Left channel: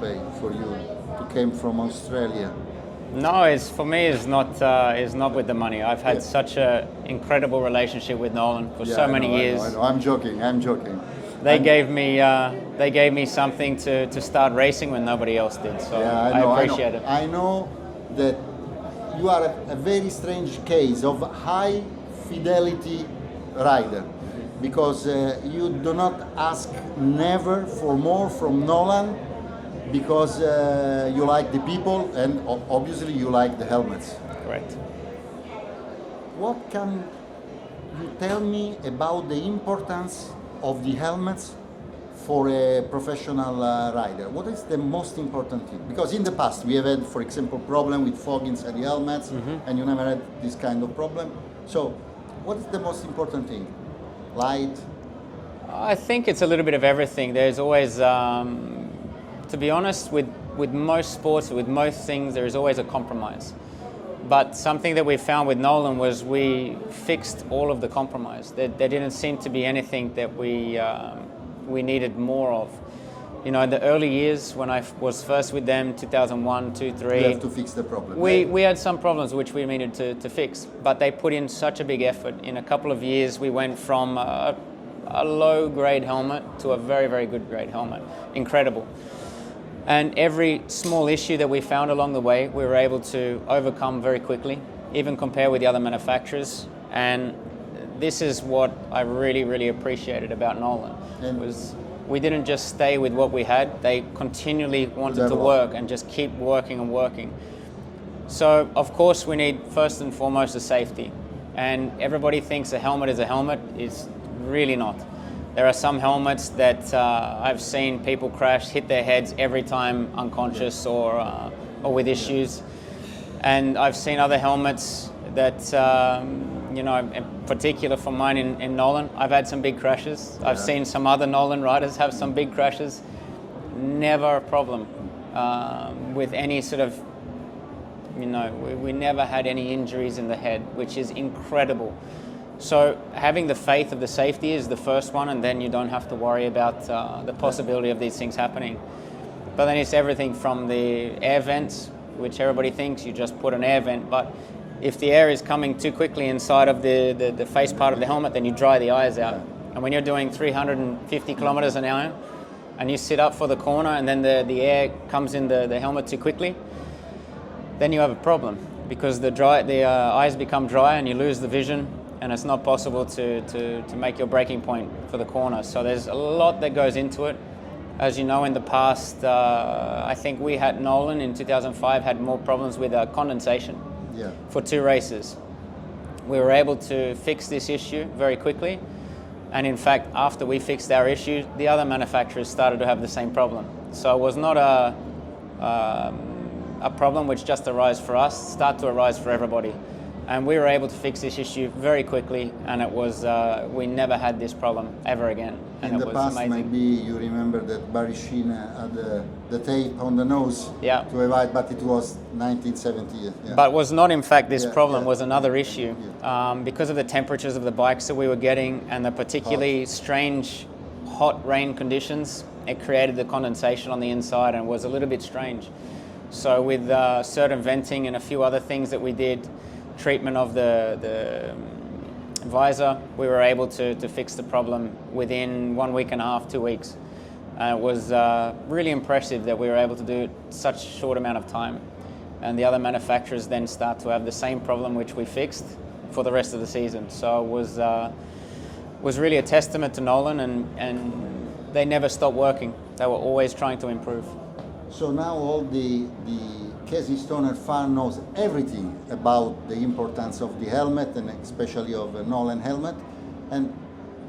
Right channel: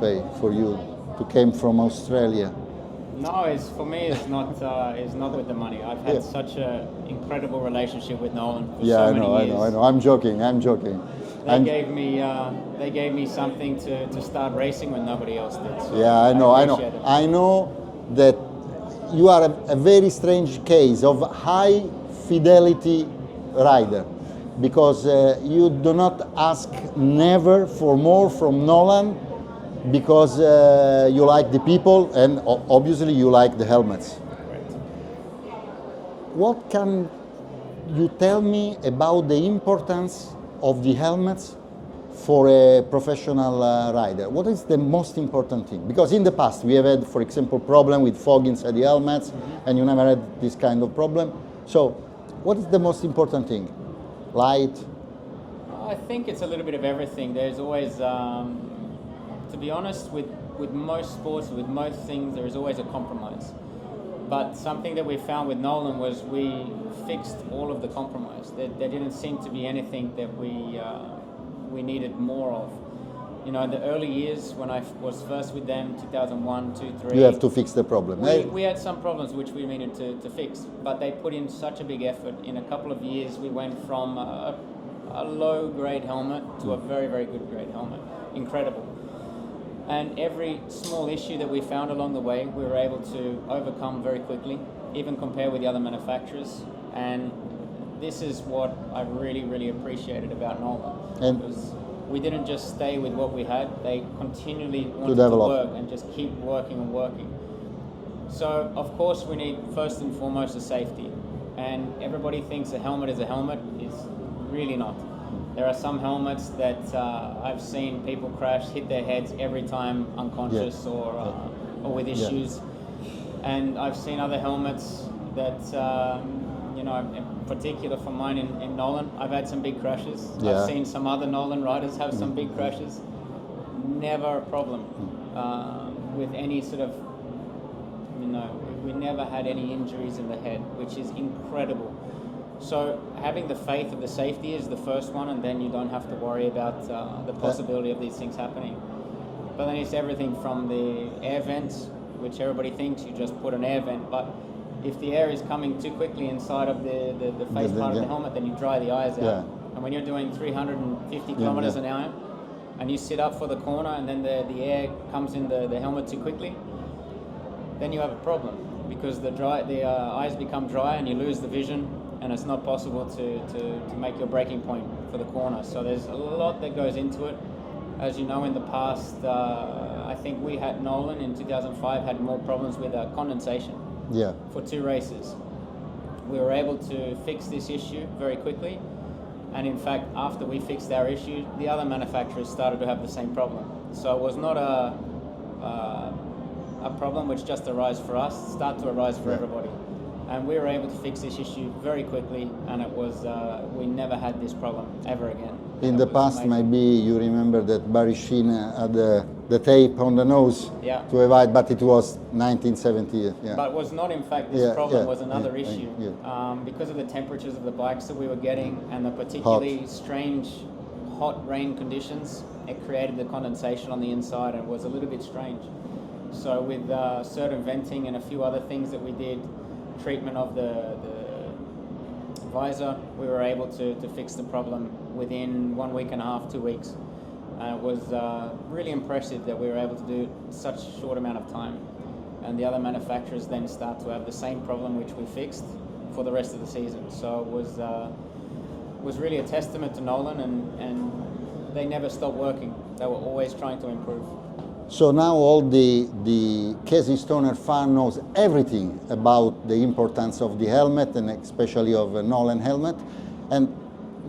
pay for you to came from Australia? No, for me is not with the money. I've had such an incredible relationship with Nolan for so many years. I know. I'm joking. They gave me something to start racing when nobody else did. So yeah, I appreciate it. I know that you are a very strange case of high fidelity rider, because you do not ask never for more from Nolan, because you like the people and obviously you like the helmets. Correct. What can you tell me about the importance of the helmets for a professional rider? What is the most important thing? Because in the past we have had, for example, problem with fog inside the helmets, and you never had this kind of problem. So what is the most important thing? Light? I think it's a little bit of everything. There's always, to be honest, with most sports, with most things, there is always a compromise. But something that we found with Nolan was we fixed all of the compromise. There didn't seem to be anything that we needed more of. You know, in the early years when I was first with them, 2001, 2, 3. You have to fix the problem. We had some problems which we needed to fix, but they put in such a big effort. In a couple of years, we went from a low-grade helmet to a very, very good grade helmet. Incredible. And every small issue that we found along the way, we were able to overcome very quickly, even compare with the other manufacturers. And this is what I really, really appreciated about Nolan. Was we didn't just stay with what we had. They continually wanted to work and just keep working and working. So, of course, we need first and foremost a safety. And everybody thinks a helmet is a helmet. It's really not. There are some helmets that I've seen people crash, hit their heads every time unconscious or with issues. And I've seen other helmets that, you know, in particular for mine in Nolan, I've had some big crashes. Yeah. I've seen some other Nolan riders have some big crashes. Never a problem with any sort of, you know, we never had any injuries in the head, which is incredible. So having the faith of the safety is the first one, and then you don't have to worry about the possibility of these things happening. But then it's everything from the air vents, which everybody thinks you just put an air vent, but if the air is coming too quickly inside of the face part of the helmet, then you dry the eyes out. Yeah. And when you're doing 350 kilometers an hour, and you sit up for the corner, and then the air comes in the helmet too quickly, then you have a problem, because the eyes become dry and you lose the vision, and it's not possible to make your braking point for the corner. So there's a lot that goes into it. As you know, in the past, I think we had Nolan in 2005 had more problems with condensation. Yeah. For 2 races. We were able to fix this issue very quickly, and in fact, after we fixed our issue, the other manufacturers started to have the same problem. So it was not a problem which just arose for us, start to arise for everybody. And we were able to fix this issue very quickly, and it was, we never had this problem ever again. In the past, maybe you remember that Barry Sheen had the tape on the nose to avoid, but it was 1970. Yeah. But was not, in fact, this problem was another issue. Because of the temperatures of the bikes that we were getting and the particularly strange hot rain conditions, it created the condensation on the inside, and it was a little bit strange. So with certain venting and a few other things that we did, treatment of the visor, we were able to fix the problem within 1.5 weeks, 2 weeks. And it was really impressive that we were able to do it in such a short amount of time. And the other manufacturers then start to have the same problem which we fixed for the rest of the season. So it was really a testament to Nolan, and they never stopped working. They were always trying to improve. So now all the Casey Stoner fan knows everything about the importance of the helmet, and especially of a Nolan helmet. And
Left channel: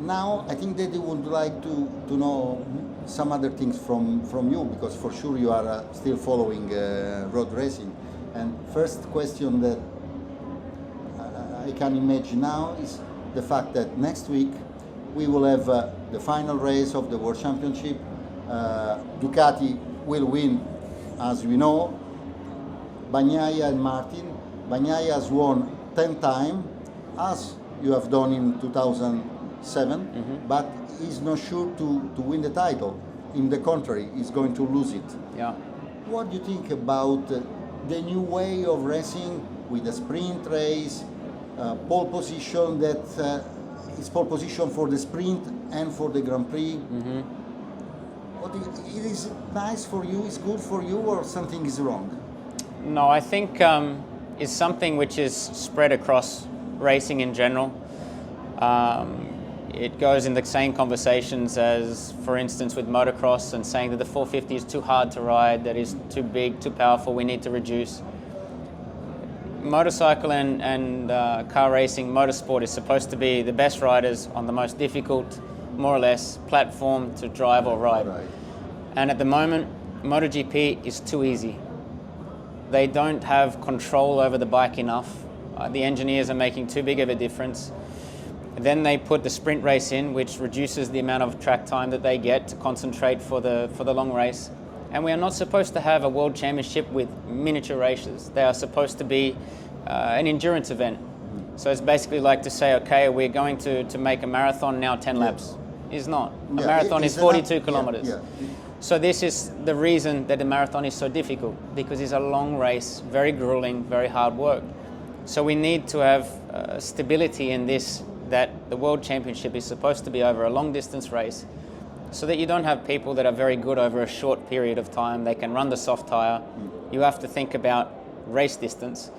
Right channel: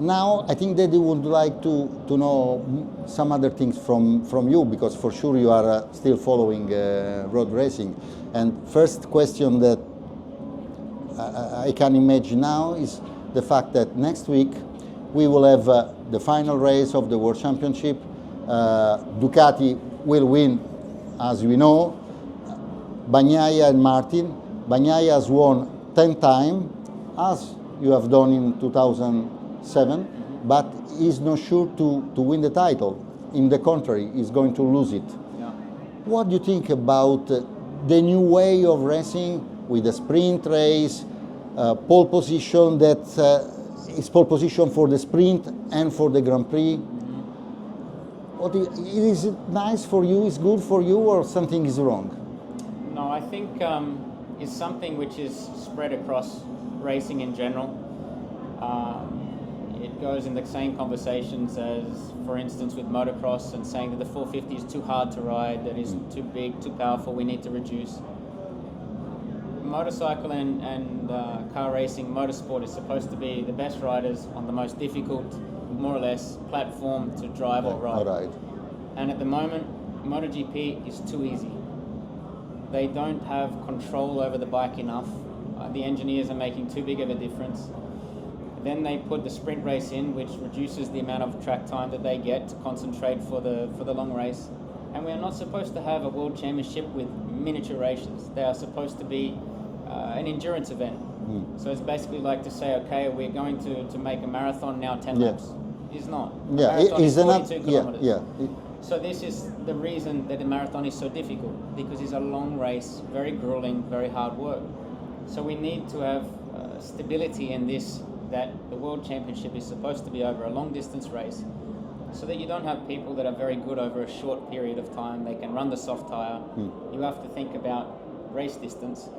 now I think that they would like to know some other things from you, because for sure you are still following road racing. And first question that I can imagine now is the fact that next week we will have the final race of the World Championship. Ducati will win, as we know. Bagnaia and Martin. Bagnaia has won 10 times, as you have done in 2007, but he's not sure to win the title. In the contrary, he's going to lose it. Yeah. What do you think about the new way of racing with the sprint race, pole position that is pole position for the sprint and for the Grand Prix? What is it nice for you? Is good for you, or something is wrong? No, I think it's something which is spread across racing in general. It goes in the same conversations as, for instance, with motocross and saying that the 450 is too hard to ride, that is too big, too powerful, we need to reduce. Motorcycle and car racing, motorsport is supposed to be the best riders on the most difficult, more or less, platform to drive or ride. Right. And at the moment, MotoGP is too easy. They don't have control over the bike enough. The engineers are making too big of a difference. Then they put the sprint race in, which reduces the amount of track time that they get to concentrate for the long race. And we are not supposed to have a world championship with miniature races. They are supposed to be an endurance event. So it's basically like to say, okay, we're going to make a marathon now 10 laps. It's not. A marathon is 42 kilometers. Yeah. So this is the reason that the marathon is so difficult, because it's a long race, very grueling, very hard work. So we need to have stability in this, that the World Championship is supposed to be over a long distance race, so that you don't have people that are very good over a short period of time. They can run the soft tire. You have to think about race distance.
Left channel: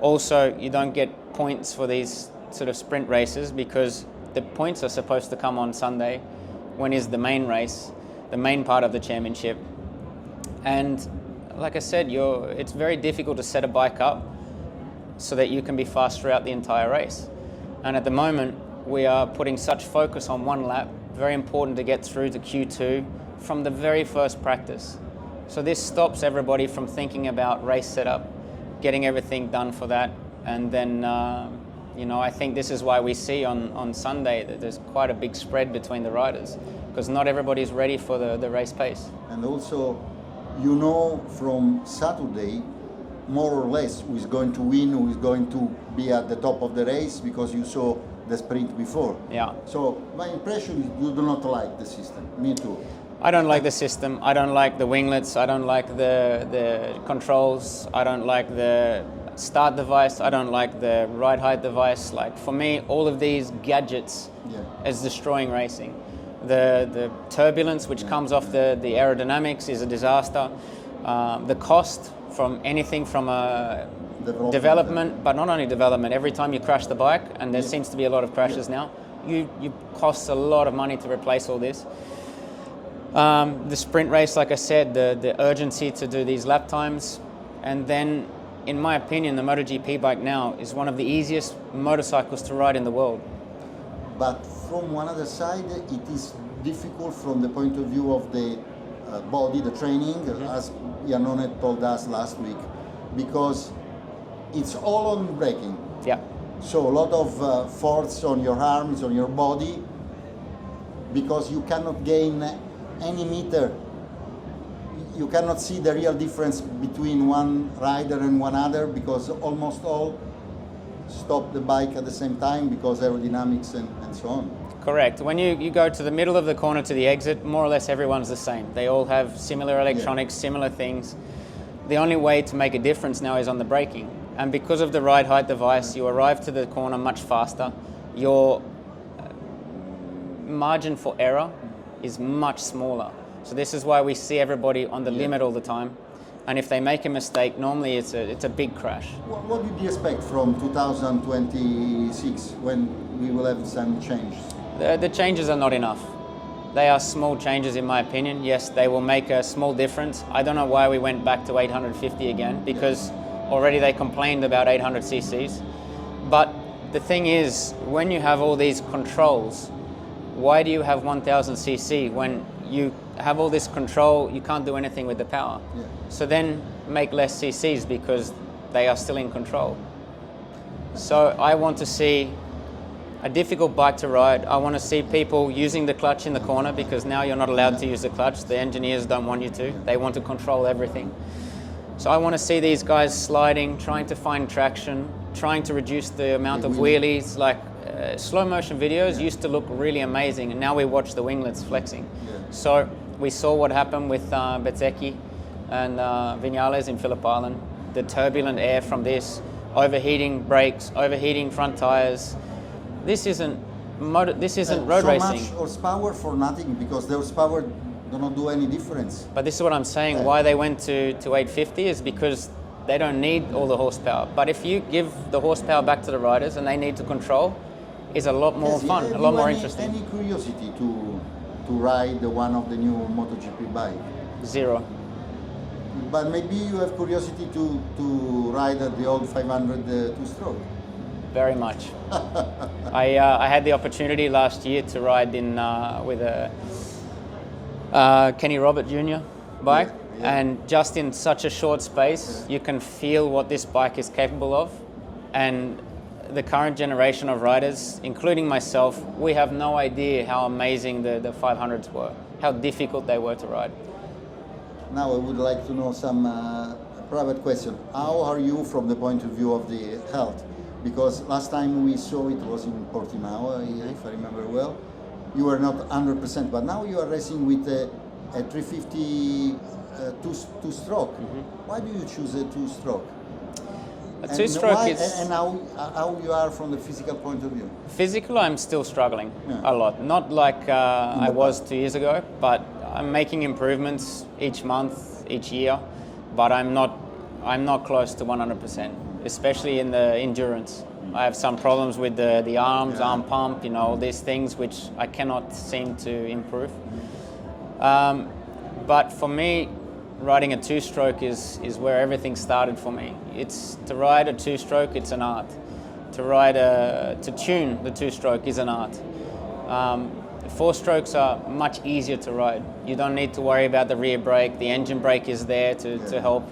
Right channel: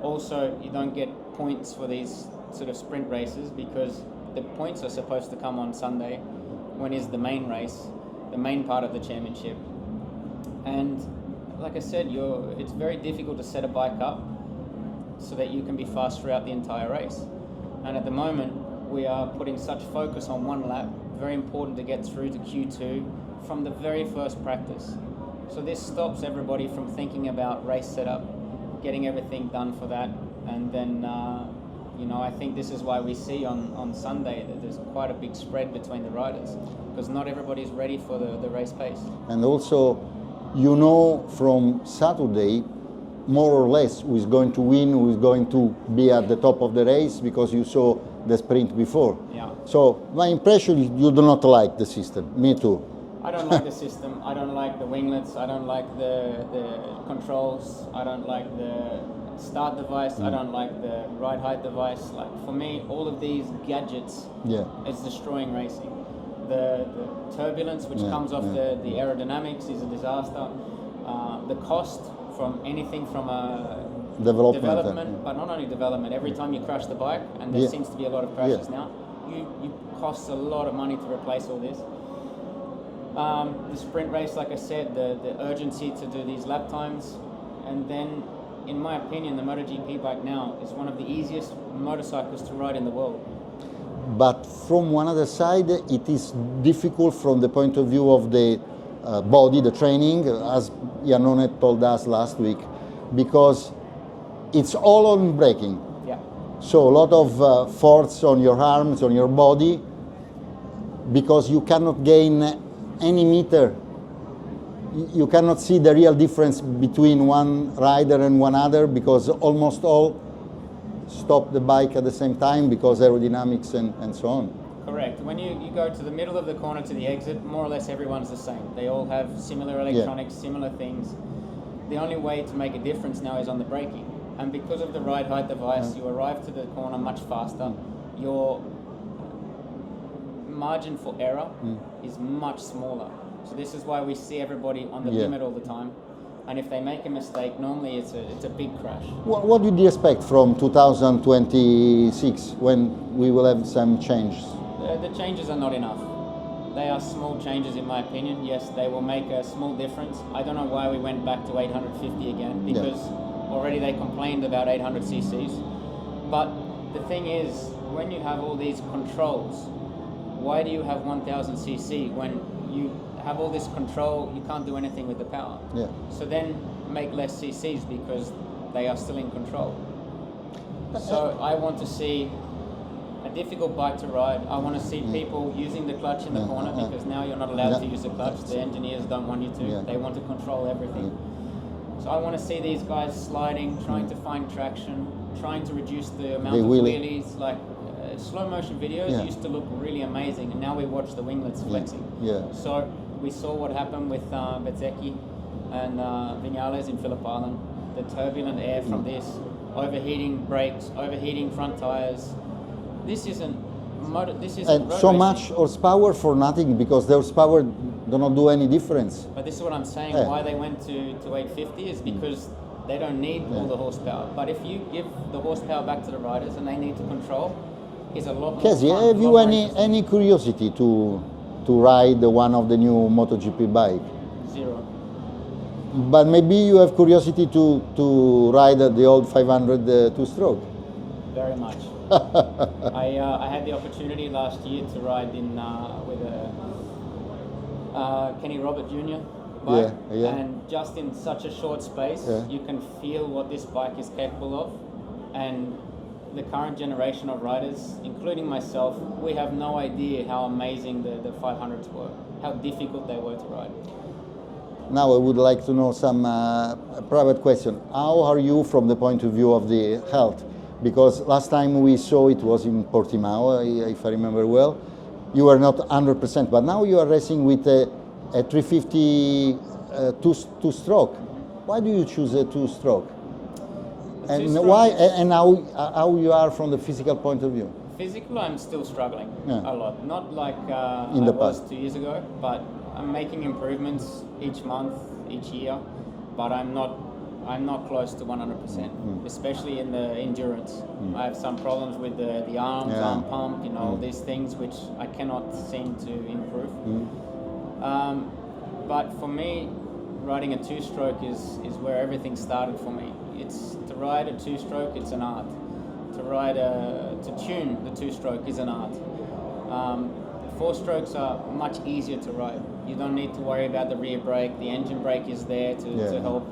Also, you don't get points for these sort of sprint races, because the points are supposed to come on Sunday, when is the main race, the main part of the championship. And like I said, it's very difficult to set a bike up so that you can be fast throughout the entire race. And at the moment, we are putting such focus on one lap, very important to get through to Q2 from the very first practice. So this stops everybody from thinking about race setup, getting everything done for that. And then, I think this is why we see on Sunday that there's quite a big spread between the riders, because not everybody's ready for the race pace. And also, from Saturday, more or less who is going to win, who is going to be at the top of the race, because you saw the sprint before. Yeah. So my impression is you do not like the system. Me too. I don't like the system. I don't like the winglets. I don't like the controls. I don't like the start device. I don't like the ride height device. Like, for me, all of these gadgets is destroying racing. The turbulence which comes off the aerodynamics is a disaster. The cost from anything from a development, but not only development, every time you crash the bike, and there seems to be a lot of crashes now, you costs a lot of money to replace all this. The sprint race, like I said, the urgency to do these lap times, and then, in my opinion, the MotoGP bike now is one of the easiest motorcycles to ride in the world. But from one other side, it is difficult from the point of view of the body, the training, as Janone told us last week, because it's all on braking. Yeah. So a lot of force on your arms, on your body, because you cannot gain any meter. You cannot see the real difference between one rider and one other, because almost all stop the bike at the same time because aerodynamics and so on. Correct. When you go to the middle of the corner to the exit, more or less everyone's the same. They all have similar electronics, similar things. The only way to make a difference now is on the braking. And because of the ride height device, you arrive to the corner much faster. Your margin for error is much smaller. So this is why we see everybody on the limit all the time. And if they make a mistake, normally it's a big crash. What did you expect from 2026, when we will have some changes? The changes are not enough. They are small changes, in my opinion. Yes, they will make a small difference. I don't know why we went back to 850 again, because already they complained about 800 cc's. But the thing is, when you have all these controls, why do you have 1000 cc when you have all this control, you can't do anything with the power? Yeah. So then make less cc's, because they are still in control. So I want to see a difficult bike to ride. I want to see people using the clutch in the corner, because now you're not allowed to use the clutch. The engineers don't want you to. They want to control everything. So I want to see these guys sliding, trying to find traction, trying to reduce the amount of wheelies. Like slow motion videos used to look really amazing, and now we watch the winglets flexing. So we saw what happened with Bezzecchi and Viñales in Phillip Island. The turbulent air from this, overheating brakes, overheating front tires. This isn't road so racing. much horsepower for nothing, because the horsepower do not do any difference. But this is what I'm saying. Why they went to 850 is because they don't need all the horsepower. But if you give the horsepower back to the riders and they need to control, it's a lot more Casey, fun, have a lot you more interesting. any curiosity to ride one of the new MotoGP bike? Zero. But maybe you have curiosity to ride the old 500 two-stroke. Very much. I had the opportunity last year to ride in with a Kenny Robert Jr. bike, and just in such a short space, you can feel what this bike is capable of. And the current generation of riders, including myself, we have no idea how amazing the 500s were, how difficult they were to ride. Now I would like to know some private question. How are you from the point of view of the health? Because last time we saw it was in Portimao, if I remember well. You were not 100%, but now you are racing with a 350 two-stroke. Why do you choose a two-stroke? A two-stroke is... And how you are from the physical point of view? Physical, I'm still struggling a lot. Not like I was 2 years ago, but I'm making improvements each month, each year, but I'm not close to 100%, especially in the endurance. I have some problems with the arms, arm pump, all these things which I cannot seem to improve. But for me, riding a two-stroke is where everything started for me. To ride a two-stroke, it's an art. To tune the two-stroke is an art. Four strokes are much easier to ride. You don't need to worry about the rear brake. The engine brake is there to help.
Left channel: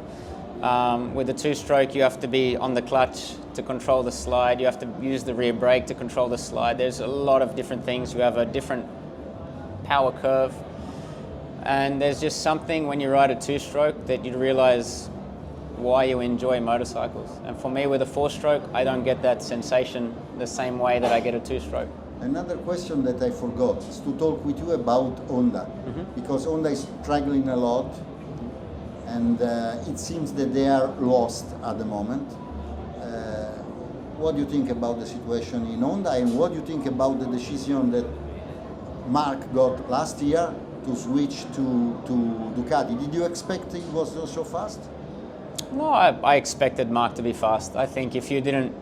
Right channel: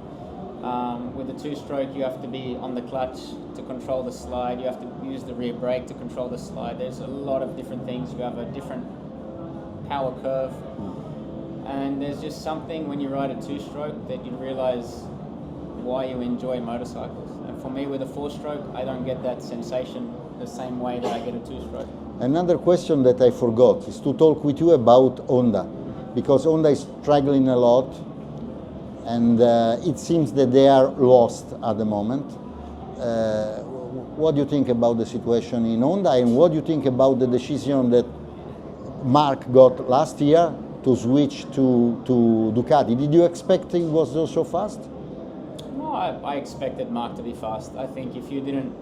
With the two-stroke, you have to be on the clutch to control the slide. You have to use the rear brake to control the slide. There's a lot of different things. You have a different power curve. And there's just something when you ride a two-stroke that you realize why you enjoy motorcycles. And for me, with a four-stroke, I don't get that sensation the same way that I get a two-stroke. Another question that I forgot is to talk with you about Honda, because Honda is struggling a lot, and it seems that they are lost at the moment. What do you think about the situation in Honda, and what do you think about the decision that Mark got last year to switch to Ducati? Did you expect it was so fast? No, I expected Mark to be fast. I think if you didn't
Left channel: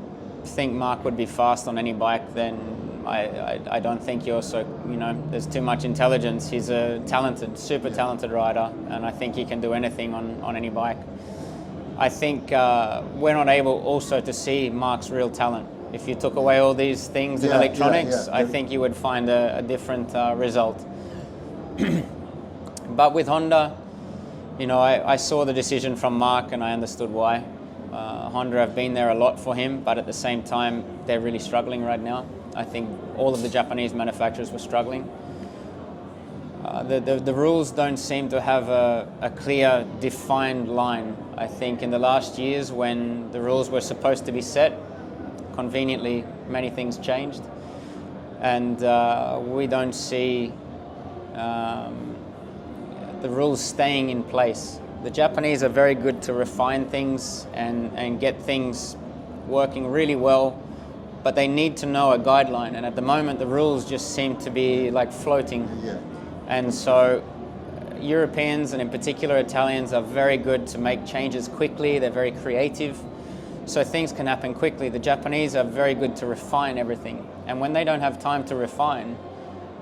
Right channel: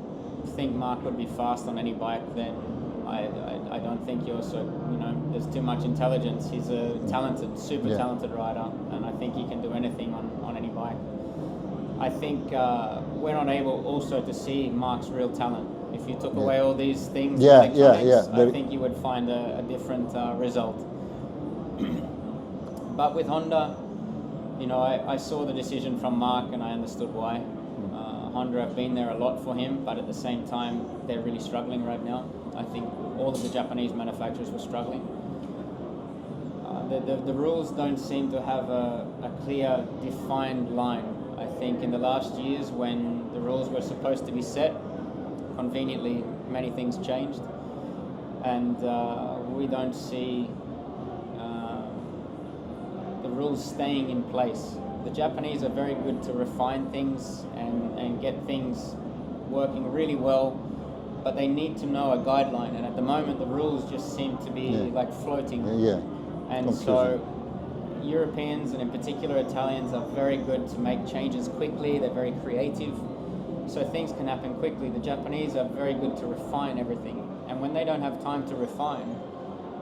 think Mark would be fast on any bike, then I don't think you're so, there's too much intelligence. He's a talented, super talented rider, and I think he can do anything on any bike. I think we're not able also to see Mark's real talent. If you took away all these things, electronics, I think you would find a different result. But with Honda, I saw the decision from Mark and I understood why. Honda have been there a lot for him, but at the same time, they're really struggling right now. I think all of the Japanese manufacturers were struggling. The rules don't seem to have a clear, defined line. I think in the last years when the rules were supposed to be set, conveniently, many things changed. And we don't see the rules staying in place. The Japanese are very good to refine things and get things working really well, but they need to know a guideline, and at the moment the rules just seem to be like floating. And so Europeans, and in particular Italians, are very good to make changes quickly. They're very creative, so things can happen quickly. The Japanese are very good to refine everything, and when they don't have time to refine,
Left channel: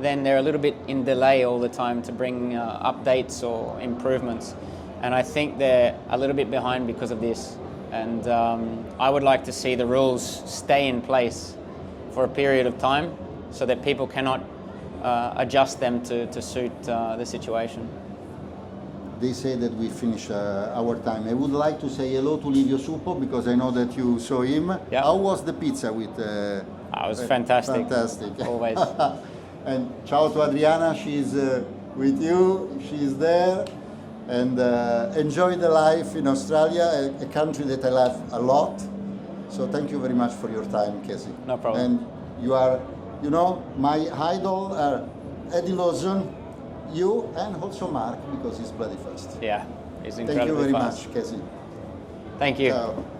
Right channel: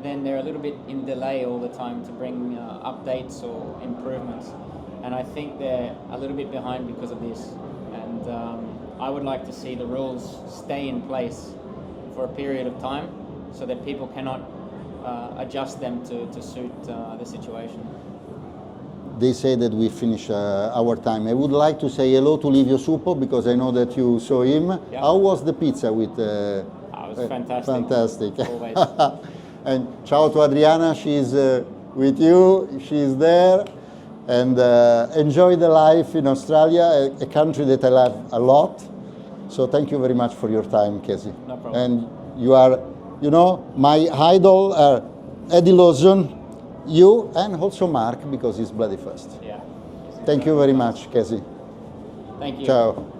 then they're a little bit in delay all the time to bring updates or improvements. And I think they're a little bit behind because of this. And I would like to see the rules stay in place for a period of time so that people cannot adjust them to suit the situation. They say that we finish our time. I would like to say hello to Livio Suppo, because I know that you saw him. Yep. How was the pizza with... It was fantastic. Fantastic. Always. And ciao to Adriana, she's with you, she's there. And enjoy the life in Australia, a country that I love a lot. So thank you very much for your time, Casey. No problem. And you are, my idol, Eddie Lawson, you, and also Mark, because he's bloody fast. Yeah, Thank you very much, Casey. Thank you. Ciao.